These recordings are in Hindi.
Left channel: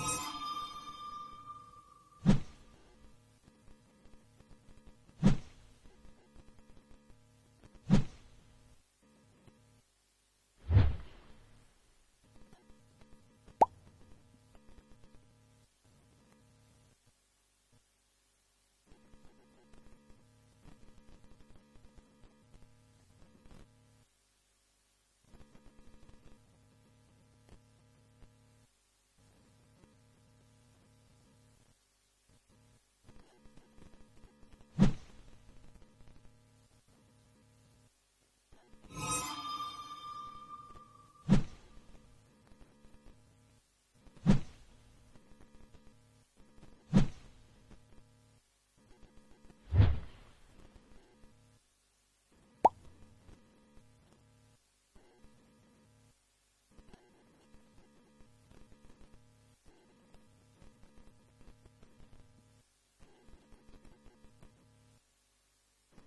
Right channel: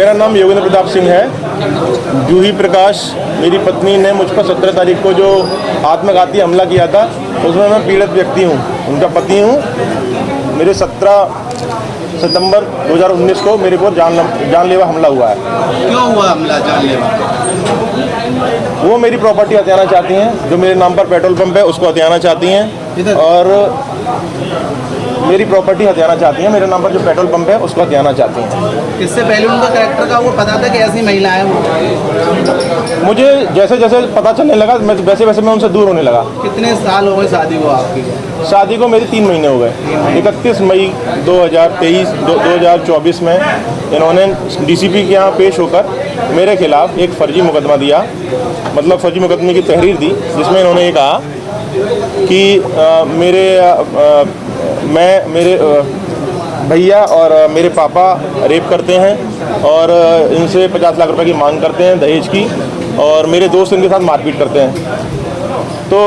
मेरा नाम योगेंद्र प्रताप सिंह है। जूही प्रकाश मेरी पत्नी ने मुझ पर 17 तारीख को जो आत्मघाती हमला किया था उसमें मैं पीड़ित व्यक्ति हूँ, उनका पति हूँ। मेरे 17 सितंबर 2019 को मेरे को जानलेवा हमला हुआ है। क्यों हुआ हमला जानलेवा? वो मेरी प्रॉपर्टी हथियाना चाहती हैं, जो मेरे नाम पर पेट्रोल पंप है उसको हथियाना चाहती हैं, और मेरी प्रॉपर्टी हथियाना चाहती हैं। मेरे नाम पर जो पेट्रोल पंप है उसको हथियाना चाहती हैं। इससे पहले उनका कैरेक्टर का वो पता था कि ऐसी महिला है वो? मुझे जैसे जैसे पता चलने लगा वैसे वैसे मैं उन्से दूर होने लगा। कितने साल हो गए शादी को आपकी? शादी को मेरी 3 महीने हो गए। 31 मई 2024 में इन्होंने डीसीपी के यहाँ पेश होकर मेरे खिलाफ एक फर्जी मुकदमा दिया, मतलब फर्जी मुकदमे की तहरीर दी, जिसमें इन्होंने ये कहा कि मेरे भैया और मेरे पापा रेप करते हैं और इनसे 50 लाख रुपए की मांग करते हैं दहेज की, और मेरे दोस्त इनके साथ मारपीट करते हैं। तो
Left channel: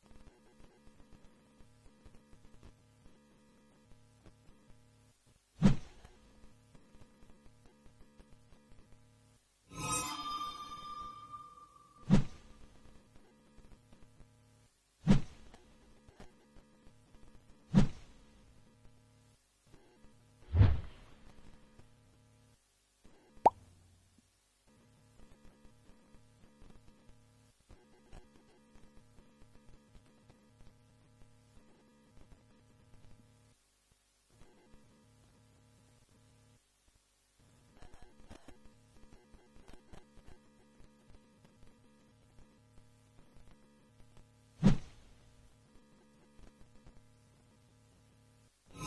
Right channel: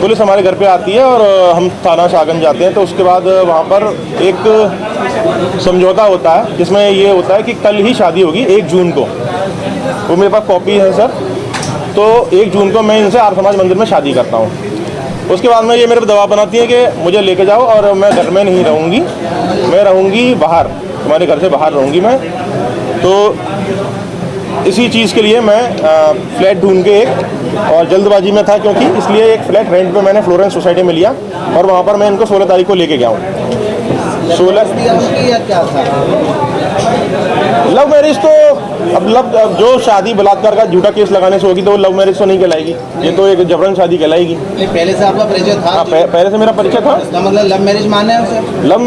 पुलिस हमारे घर पे आती है और हम थाना शाहगंज जाते हैं। तो उसके बाद वहाँ पर एक समझौता होता है जिसमें ये होता है कि कल ही शादी होगी 1 जून को। वो मेरे पास कॉपी है सर। तो 1 जून को मैं इनसे आर्य समाज मंदिर में शादी करता हूँ। उसके बाद में ये मेरे पर दबाव बनाती है कि मुझे लेके जाओ, और मैं घर में नहीं रहूँगी, मैं रहूँगी बाहर, तुम्हारे घर से बाहर रहूँगी मैं। तो इसी चीज़ के लिए मैं फ्लैट ढूंढ के और जल्दबाजी में था, क्योंकि इसलिए एक फ्लैट रेंट पे मैंने फ्लोरेंस सोसाइटी में लिया, और वहाँ पर मैं इनको 16 तारीख को लेके गया हूँ। 16 क्या था? लव मैरिज तो अब जो शादी बलात्कार का झूठा केस लगाने से होगी तो वो लव मैरिज तो नहीं कहलाएगी, ये तो एक जबरन शादी कहलाएगी। पहले से आपका परिचय था? हाँ, पहले से मेरा परिचय था। इसका मतलब लव मैरिज माने हैं उसे? लव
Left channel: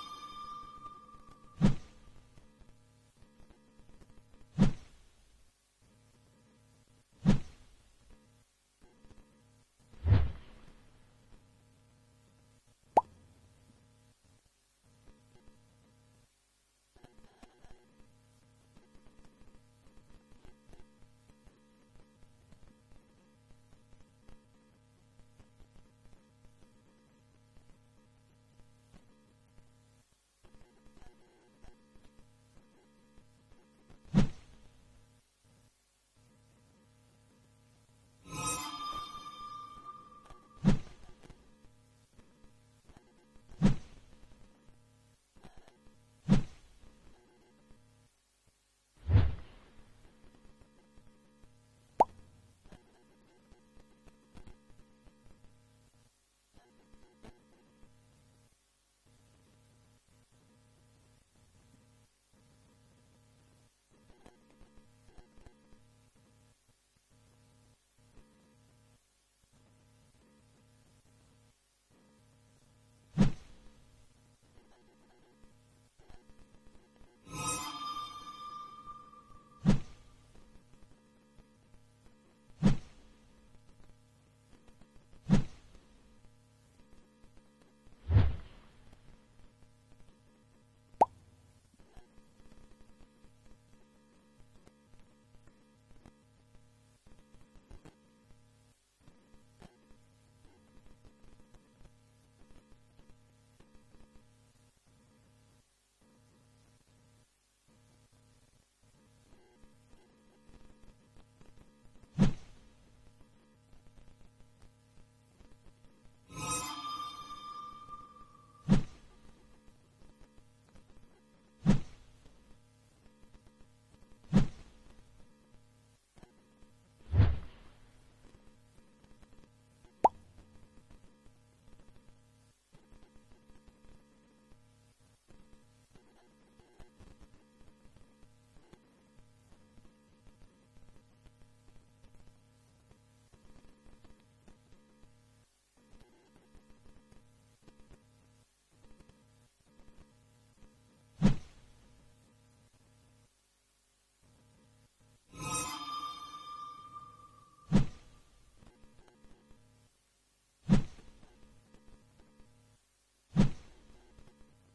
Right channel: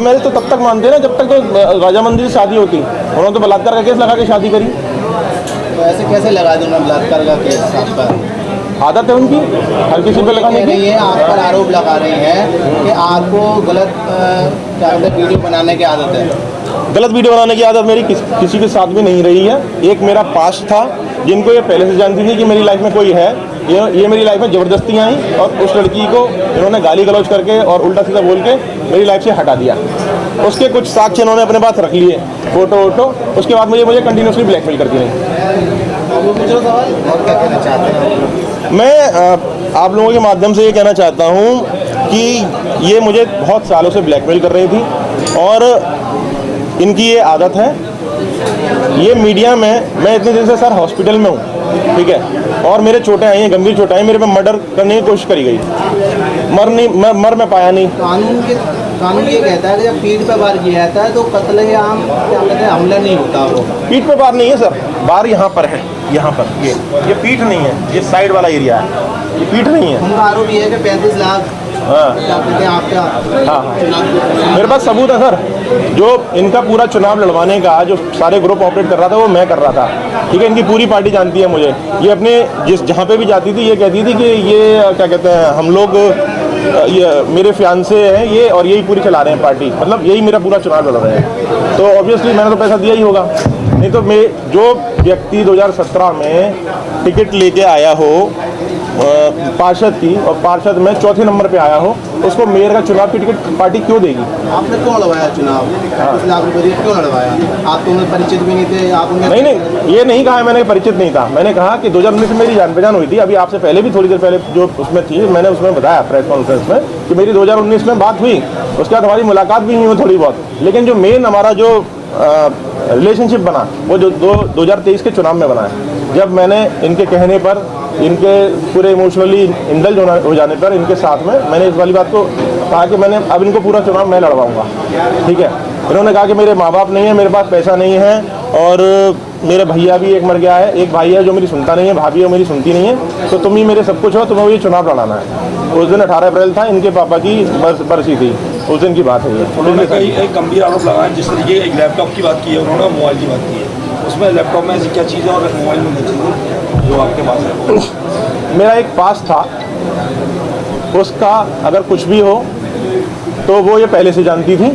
मैरिज तो तब तक मानते हैं ना जब तक तो राजा मंदिर से शादी होती। उन्होंने तो बलात्कार का केस लगा के शादी करी। तो ऐसे कैसे लगा दूंगा बलात्कार का केस आप पर? आदत है उनकी हर किसी पे लगाने की। आप पर आरोप लगा रही हैं कि आपको गलत क्या कहते हैं वीडियो बनाने की आदत है। गलत वीडियो बनाने की आदत मेरी किसी के साथ भी नहीं रही है। एक मेरा पास्ट था, जिनको ये पहले से जानती थी कि मेरी लाइफ में कोई है। ये मेरी लाइफ में ज़बरदस्ती आई और उस लड़की को इन्होंने गाली गलौज करके और उल्टा सीधा बोल के मेरी लाइफ से हटा दिया। उसके कुछ साक्ष्य इन्होंने अपने पास रख लिए, फोटो वोटो। उसके बाद मुझे कंटिन्यूसली ब्लैकमेल करती रही। और क्या कहना चाहते हैं? मैं आप लोगों के माध्यम से ये कहना चाहता हूँ कि ये मुझे बहुत सालों से ब्लैकमेल कर रही थी, और इनकी ये आदत है। ये मीडिया में मैं इतने दिन से सर हॉस्पिटल में हूँ, ठीक है, और मेरे चोटें आई हैं, गंभीर चोटें आई। मेरे पे मर्डर करने की कोशिश करी गई, मर मैं पाया नहीं। कानून ये कहता है कि जब पीठ पे वार किया जाता है तो कत्लेआम क्या कहते हैं हमला नहीं होता। वो पीठ पे वार नहीं है सर, वार यहाँ पर है, यहाँ पर। ये पीठ नहीं है, ये साइड वाला एरिया है, ये पीठ नहीं है। उनका आरोप ये है कि 35 लाख क्या कहते हैं आपका मेरे पास सबूत है सर। जो इनका पूरा चुनाव लड़वाने का जो सारे ग्रुप ऑपरेट कर रहा था वो मैं कर रहा था, ठीक है। इनकी पूरी पार्टी जानती है मुझे। ये अपने जहाँ पे भी जाती थी ये कहती थी कि ये क्या कहते हैं हम लोग ये मेरे फियांसे हैं ये, और यही पूरी चला रहे हैं पार्टी, मतलब यही मेरा पूरा चुनाव लड़ रहे हैं। तो ऑब्वियसली मैंने तो पैसा दिया ही होगा, नहीं तो मैं जो व्यक्ति 2017 में टिकट लेके आया हो पार्षद की, और पार्षद में 4थे नंबर पे आया हो, उसको मेयर का चुनाव की टिकट पार्टी क्यों देगी? आपने क्यों लड़वाया चुनाव? 35 लाख रुपये क्यों लड़वाया? आप तो उनमें परिचित भी नहीं थे। आप नहीं, ये नहीं कहा मैंने परिचित नहीं था। मैंने कहा कि 2019 में मेरी जान पहचान हुई थी। अभी आपसे पहले भी थोड़ी देर पहले जो उसमें थी, मैंने उसमें बताया प्रेस कॉन्फ्रेंस में कि मेरी 2019 में बात हुई। उसके बाद हमारी मुलाकात भी हुई थोड़ी बहुत, लेकिन जो मेन हमारा जो रिलेशनशिप बना वो जो 2023 के चुनाव में बना है। जब मैंने इनके कहने पर, इनके पूरे इमोशनली इंडल्ज हो जाने पर इनके साथ में मैंने इस वाली बात को कहा कि मैंने अब इनको पूरा चुनाव मैं लड़वाऊंगा, ठीक है। इन्होंने कहा कि मेरे माँ बाप नहीं है, मेरे पास पैसा नहीं है, और मेरा भैया भी एक मर गया है, एक भाई है जो मेरी सुनता नहीं है, भाभी है मेरी सुनती नहीं है, तो तुम ही मेरे सब कुछ हो, तुम्हें ये चुनाव लड़ाना है। उस दिन 18 अप्रैल था, इनके पापा की बरसी थी, उस दिन की बात है ये। उन्होंने एक गंभीर आरोप लगाया, जिस तरीके एक लैपटॉप की बात की है उन्होंने, मोबाइल की बात की है। उसमें लैपटॉप में ऐसी क्या चीज़ें और मोबाइल में क्या चीज़ें जो आपके पास है? मेरा एक पास था, उसका अगर कुछ भी हो तो वो ये पहले से जानती थी,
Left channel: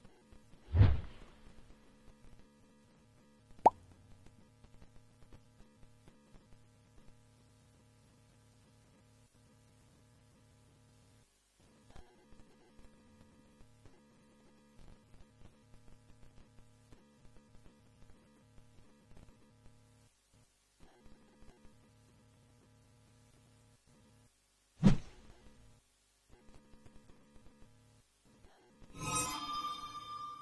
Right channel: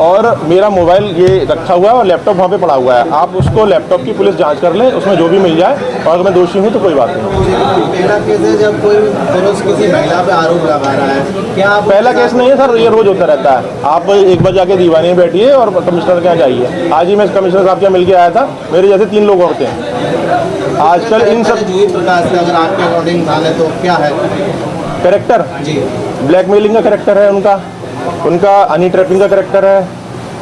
और मेरा मोबाइल ये रखा हुआ है और लैपटॉप वहाँ पे पड़ा हुआ है। आप उसको लैपटॉप की पुलिस जांच कर ले, उसमें जो भी मिल जाए, और अगर मैं दोषी हूँ तो कोई बात नहीं। पहला केस है जब कोई पुरुष किसी महिला पे आरोप लगा रहा है, क्या आप पहला केस नहीं है सर, ये रोज होता रहता है। आप एक बार जाके दीवानी में बैठिए और कमिश्नर के यहाँ जाइए। आज ही मैं कमिश्नर साहब के यहाँ मिल के आया था, मेरे जैसे 3 लोग होते हैं आजकल। इन सब जूही प्रकाश का अगर आपके अकॉर्डिंग माने तो क्या है कैरेक्टर, जी? ब्लैकमेलिंग का कैरेक्टर है उनका हनी ट्रैपिंग का कैरेक्टर है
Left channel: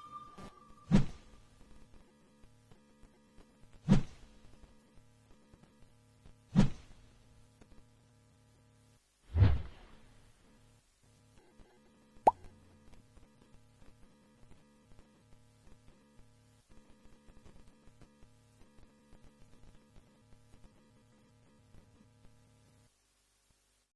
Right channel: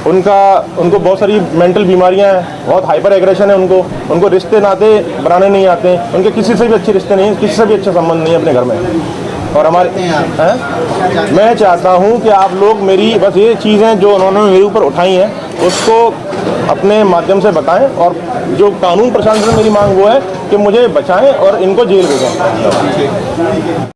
उनको बहुत सारी मेंटल बीमारियां हैं, बहुत हाइपर एग्रेशन है उनको रिश्ते नाते बनाने नहीं आते, उनके किसी से भी अच्छे रिश्ते नहीं, किसी से भी अच्छा संबंध नहीं है अपने घर में। और हमारे हैं, मैं चाहता हूं कि आप लोग मेरी बस ये चीज़ें जो उन्होंने मेरे ऊपर उठाई हैं उसको अपने माध्यम से बताएं, और जो कानून प्रशासन से मेरी मांग वो है कि मुझे बचाएं और इनको जेल भेजें।